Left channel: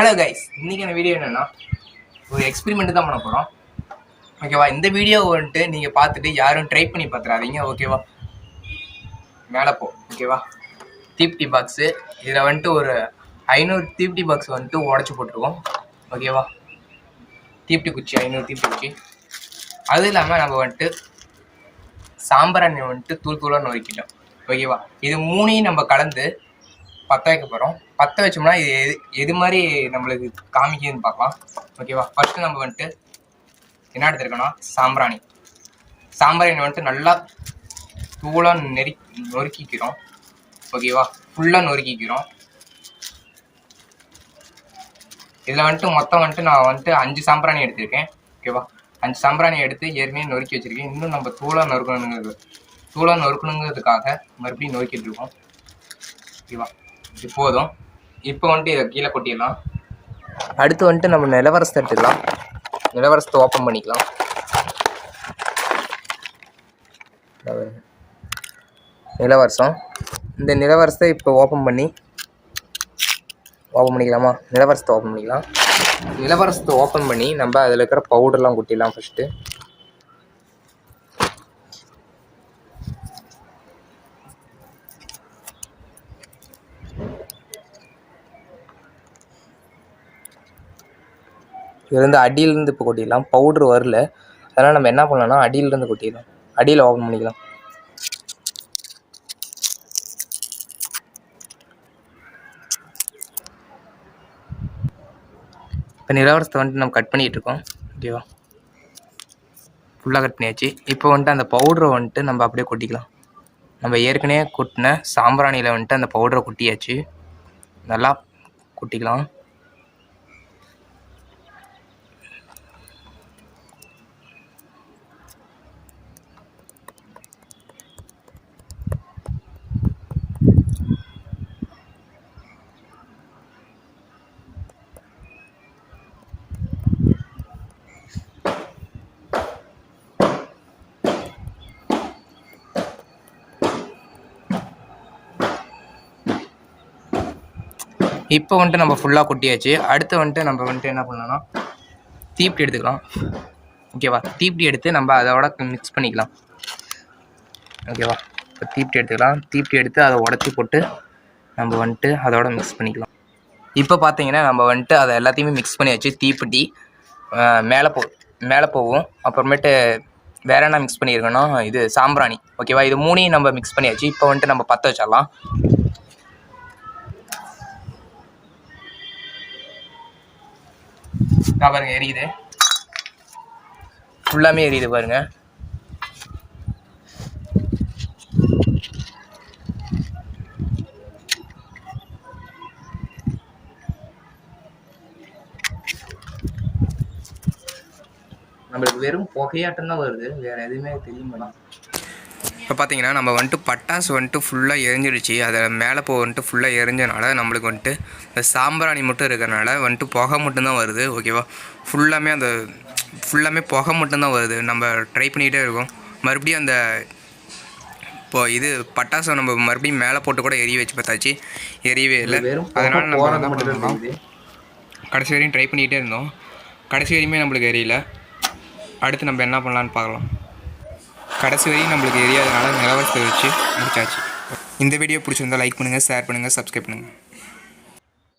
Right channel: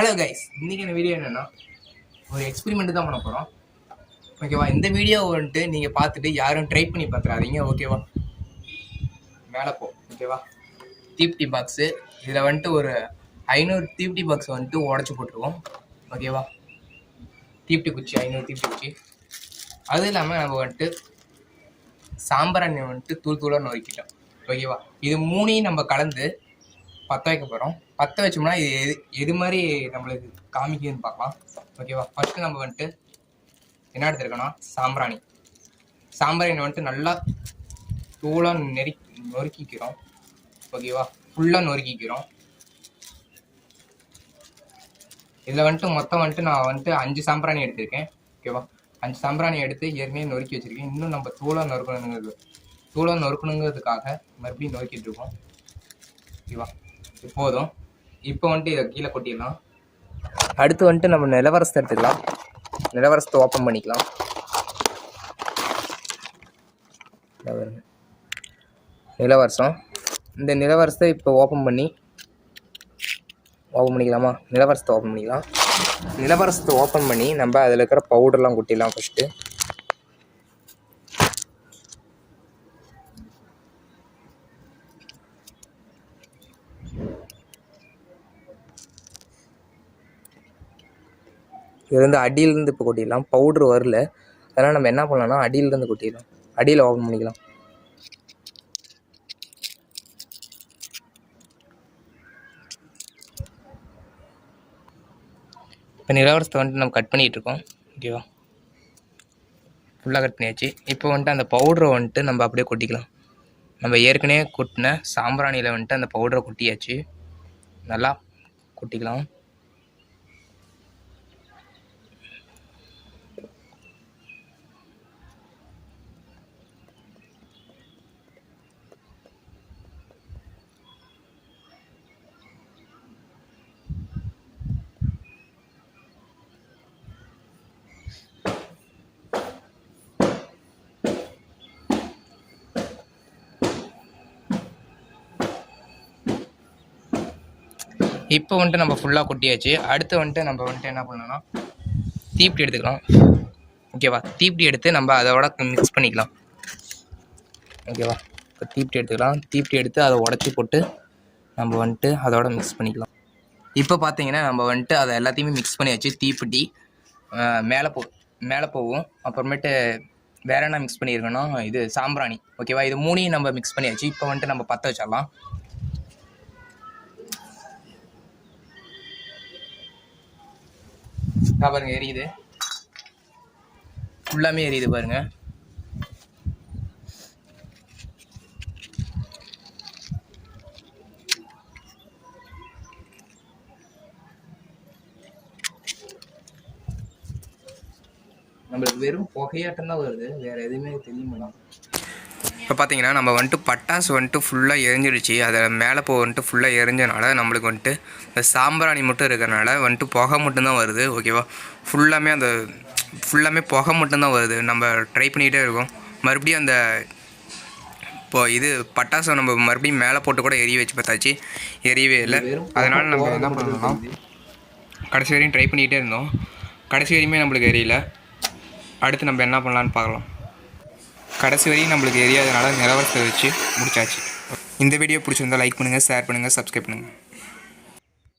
Hello guys, இன்றைக்கி அந்த video என்னென்னா ஒரு எக்ஸ்பெரிமெண்ட் தான் பண்ண போகிறோம். ஓகேவா? இந்த வீடியோ வந்துட்டு நீங்கள் பார்த்துட்டு யாரும் ட்ரை பண்ணி பார்த்துறாதீங்க. ஓகேவா? மேலே போ. ஓகேவா? தீப்டி பாக்ஸு இதில் வந்துட்டு ஒரு 500 தீப்டி பாக்ஸ் வந்துட்டு உடச்சி போட்டுருவோம். ஓகேவா? தீப்டி குச்சி 500 தீப்டி குச்சி. அதுவும் இல்லாமல் நம்ம வந்துட்டு சாம்பிராணி வந்துட்டு தூள் தூளாக நொறுக்கிட்டோம். ஓகேவா? இது மூணையும் நம்ம கலந்து பற்ற வைக்க போகிறோம். பற்ற வச்சோம்னா இது எது மாதிரி நம்மளுக்கு காமிக்குதுன்னு பார்க்கலாம். ஓகேவா? ஃபஸ்ட்டு நம்ம வந்துட்டு என்ன எடுத்துருக்கோன்னா சாம்பிராணி வந்துட்டு நல்லா தூளாக நொறுக்கிக்கிறோம். ஓகேவா? ஃபுல்லாக நொறுக்கிக்கிறோம். இதில் வந்துட்டு மொத்தம் வந்துட்டு நான் வந்துட்டு 5 சாம்பிராணி எடுத்திருக்கேன். ஓகேவா? 5 சாம்பிராணி எடுத்து ஏற்கனவே நொறுக்கி வச்சுருக்கேன். இன்னும் நம்ம தூளாக நொறுக்கணுங்கிறதுக்காக மறுபடியும் நொறுக்கிட்டு இருக்கோம். ஓகேவா? இப்போதும் இப்போ வந்துட்டு இதை கீழே கொட்டிடலாம். அடுத்து வந்துட்டு நம்ம நிலவரசத்தை எடுத்துக்கலாம். நிலவரசத்தை ஓப்பன் பண்ணிக்கலாம். நிலவரசம் இந்த நிலவரசத்தை இப்போ ஓப்பன் பண்ணிக்கலாமா? நிலவரசத்தை ஓப்பன் பண்ணிக்கலாம். நிலவரசத்தை ஓப்பன் பண்ணி நம்ம அதில் இருக்கிற பவுடர்லாம் கொட்டிடலாம். ஃபஸ்ட்டு இது வந்து அடியிலேருந்து இப்போ கொட்டிடலாம். பவுட்ரு வரல, அதனால் நம்ம என்ன பண்ணலாம்னா அடியிலேருந்து கொட்டிடலாம். அடியில் ஓப்பன் பண்ணிக்கலாம். இப்போ நிலவரசத்தை வந்துட்டு நம்ம கட் பண்ணிகிட்டு இருக்கோம். ஓகேவா? ஃபுல்லாக கட் பண்ணியாச்சு. இப்போ வந்துட்டு அந்த பவுடரை வந்துட்டு நம்ம அப்படியே கொட்டிக்கலாம். நம்ம ஏற்கனவே கொட்டின சாம்பிராணியில் வந்துட்டு அந்த பவுடரை கொட்டியாச்சு. நல்லா கொட்டிக்கலாம். இப்போ வந்துட்டு நம்ம ஃபுல்லாக கொட்டியாச்சு. அடுத்து வந்துட்டு நம்ம வந்துட்டு என்ன பண்ணலாம்னா தீப்டி எடுத்துக்கலாம். ஓகேவா? தீப்டி எடுத்து நம்ம அதோட மிக்ஸ் பண்ணிக்கலாம். ஓகேவா? இப்போ தீப்டி எடுத்துக்கலாம். தீப்டி எடுத்து அதை உடச்சி போட்டு நம்ம வந்துட்டு அதோட மிக்ஸ் பண்ணிக்கலாம். இப்போ பார்த்தீங்கன்னா நம்ம வந்துட்டு அதை எல்லாத்தையுமே மிக்ஸ் பண்ணியாச்சு. தீப்பெட்டி மேலே போகும். அப்புறமேட்டு வேறு என்ன மிக்ஸ் பண்ணியிருக்கோன்னா இது சாம்பிராணி. ஓகேவா? இது மூணையும் நம்ம மிக்ஸ் பண்ணியாச்சு. இப்போ வந்துட்டு நம்ம பற்ற வச்சிடலாம். பாருங்க, எரியுது. ஃபுல்லாமே எரியுது பாருங்க. நம்மளுக்கு வெறும் புகையாட்டம் தான் வருது, வேறு எதுவுமே தெரியுமா? இப்போ பார்த்தீங்கன்னா நம்ம வந்துட்டு பட்டாசு வந்துட்டு ஃபுல்லாக எரிஞ்சிடுச்சு. அதை மேலே வந்துட்டு ஃபுல்லாக எரிஞ்சனால நம்மளுக்கு வந்துட்டு இந்த சாம்பிராணி மட்டும் இருக்கிறனால வந்துட்டு புகை மட்டும்தான் வருது. ஓகேவா? ஃபுல்லாமே புகை மட்டும்தான் வருது. நம்ம ட்ரை பண்ணிகிட்டே இருக்கோம். மறுபடியும் அந்த இது பட்டாசை நம்ம மறுபடியும் மேலே போட்டு கூட எரிய வச்சு பார்த்தாச்சு, எரியவே இல்லை. அதனால் நம்ம என்ன பண்ணலாம், கடைசி வரையும் ட்ரை பண்ணிகிட்டே இருந்தோம். கடைசி வரையுமே நம்மளுக்கு எரியல. அடுத்து நம்ம என்ன பண்ணலான்னு பார்க்கலாம். கடைசி வரையும் நம்மளுக்கு எரியாதனால நிலவரத்தை வச்சு முடிச்சாச்சு. இந்த வீடியோ பிடிச்சிருந்தால் லைக் பண்ணுங்கள், ஷேர் பண்ணுங்கள், சப்ஸ்கிரைப் பண்ணுங்கள்.